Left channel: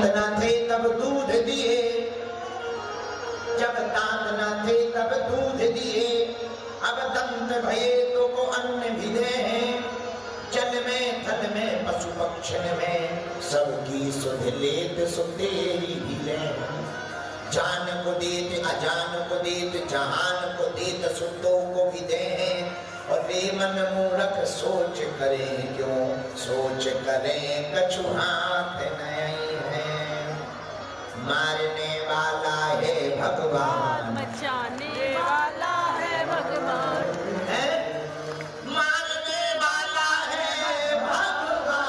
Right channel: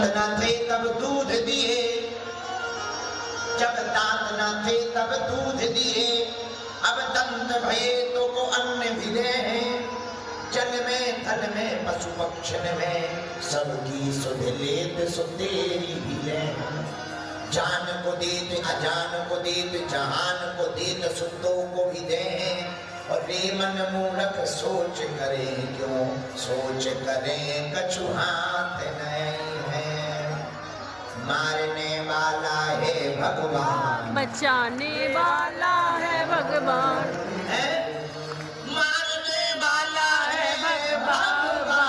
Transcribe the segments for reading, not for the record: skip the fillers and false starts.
न थे तब दूध दिए, जब दांत न थे तब दूध दिए, अब दंत भये तो को अन्न भिले हैं। जल में थल में पशु पक्षण में, सबकी सुध लेत सो तेरी भिले। जान को देत अजान को देत, जहान को देत सुतो को भी दे। और रे मन मूर्ख सोच करें क्यों, सोच करें कछु हाथ नहीं है। मारने वाला है भगवान, बचाने वाला है भगवान, है मारने वाला है भगवान,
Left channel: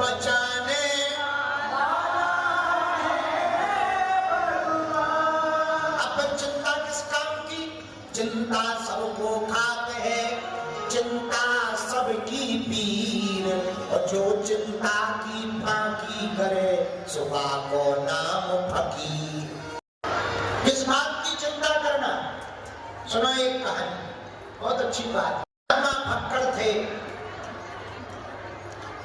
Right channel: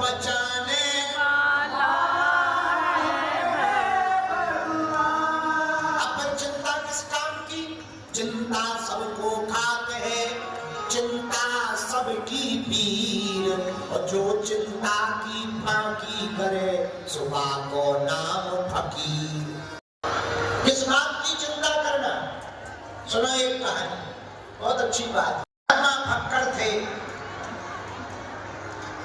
बचाने वाला है भगवान। अपन चिंता किस काम की? चिंता सबको खात है, चिंता सबकी पीर। और जो चिंता की फाकी करे, सुबह को नाम फकीर। किस बात की चिंता करना? सुनो एक कहानी, बहुत अच्छी बात। महात्मा फक्कड़ थे,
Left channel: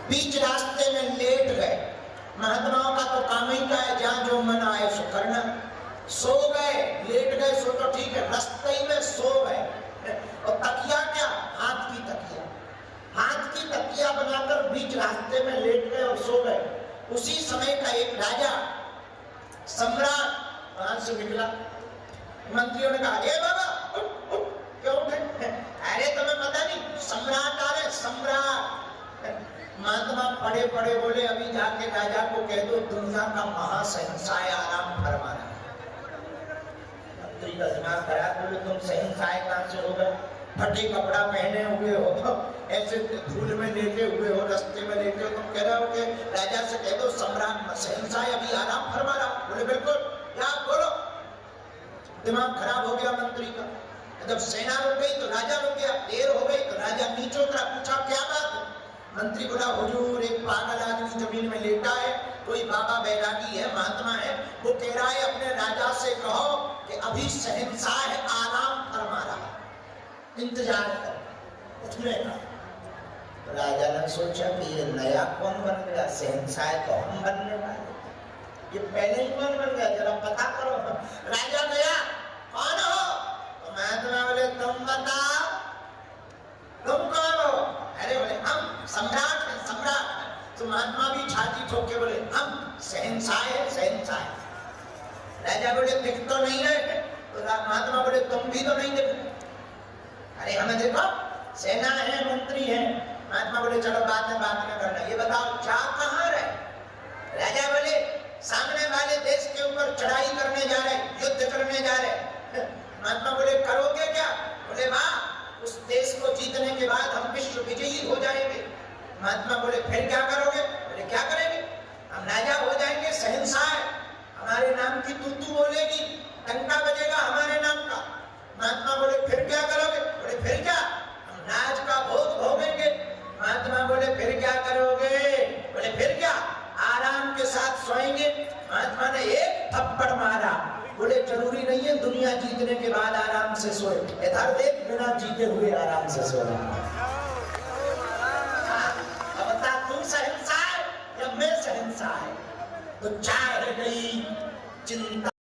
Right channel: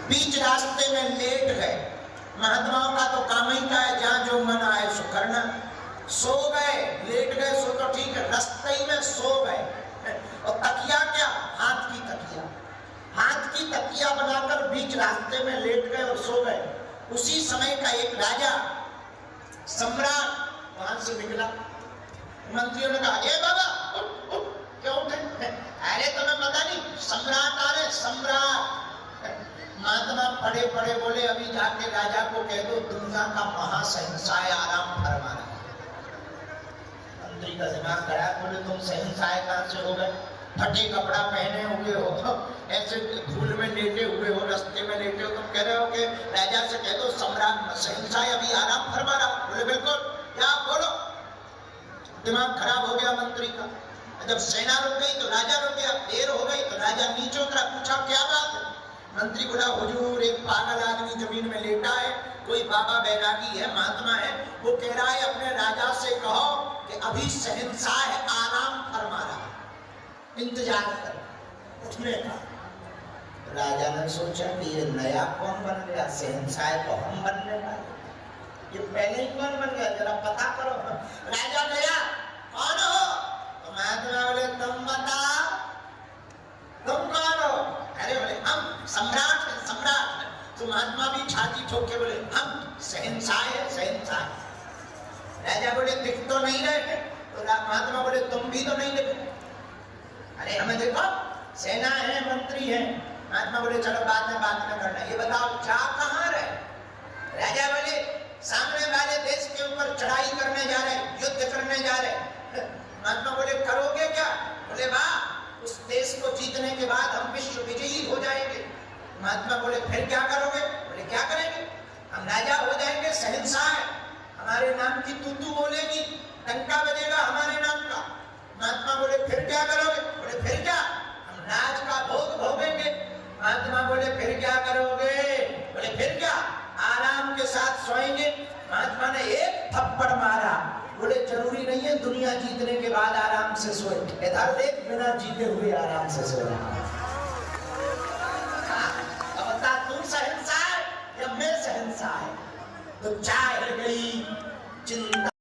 बीच रास्ते में लेट गए। महात्माओं का तो काम ही क्या है, जहां जो मन आए सो करना। सो गए, लेट गए सो तो ठीक है, रास्ते ही में सो गए। और तकिया क्या? हाथ की तकिया, हाथ की तकिया बनाकर बीच रास्ते में लेट गए और सो गए। उसी समय का एक राजा सम्राट वहां से निकला। मंत्रियों ने कहा, ए बाबा उठ उठ, क्यों उठे? अरे तुम्हें पता नहीं, सम्राट आ रहे, सम्राट। महात्मा पड़े पड़े बोले, अभी जाके राजा को कह दो दुनिया का महाशहंशाह आराम फरमा रहा है। मंत्री का दिमाग खराब, बोले तुम शहंशाह कहां से हो गए? फटे कपड़ा पहने हुए हो, ऐसे धूल में लेटे हुए हो, रास्ते में लेटे हो, तुम कह रहे हो कि राजा से कह दो सम्राट शहंशाह अभी आराम फरमा रहा। बोले बिल्कुल, क्या बोलो। दिमाग खराब हो गया मंत्री का। जब सेना रुक गई तो राजा रुक गया, देर हो गई तो राजा नीचे उतरा, पूछा क्या बात है? मंत्री बोला, हुजूर एक पागल आदमी जमीन में लेटा है, कोई बाबा बैरागी है, महात्मा है, वो कह रहा है अपने राजा से कहो कि अभी शहंशाह आराम फरमा रहा, इंतजार कर। उठने का राजा ने सोचा कि ये नया कौन बन गया, शहंशाह तो हम बनने वाले, ये पहले ही कौन बन गया, जरा पता करो। राजा गया, कौन हो? तो महात्मा बोले, तुम बताओ, तुम कौन हो? अरे बोले हम सम्राट है, सम्राट। तो महात्मा भी छाती ठोक के बोले, हम शहंशाह है, शहंशाह। राजा बोले, दिख तो नहीं रहे। तो महात्मा बोले, तुम भी तो नहीं दिख रहे। अरे हमें देखो, सेना है, मंत्री है। महात्मा बोले, चलो बाद में करना, ये बताओ जा कहाँ रहे? राजा बोले, सामने वाले देश के ऊपर चढ़ाई करने जा रहे, युद्ध करने जा रहे। महात्मा बोले, करोगे क्या? बोले, वाह, उस देश को जीतने के बाद हम विश्व विजयी हो जाएंगे। महात्मा बोले, फिर क्या करोगे? बोले, क्या करेंगे? हम राजा हो जाएंगे, शहंशाह है, हमारे नाम की तू बोलेगी, टंका बजेगा हमारे नाम का। महात्मा बोले, फिर क्या करोगे? बोले, फिर क्या, हम राज का भोग भोगेंगे। महात्मा बोले, फिर क्या करोगे? बोले, फिर क्या, आराम के साथ सोएंगे। महात्मा ने एक थप्पड़ मारा, बोले, जरूरी नहीं है दुनिया जीतने के बाद आराम से सोए, इधर देख बिना जीते हुए आराम से सोए। अब बता, तू शहंशाह या मैं शहंशाह? तो चाह गई चिंता।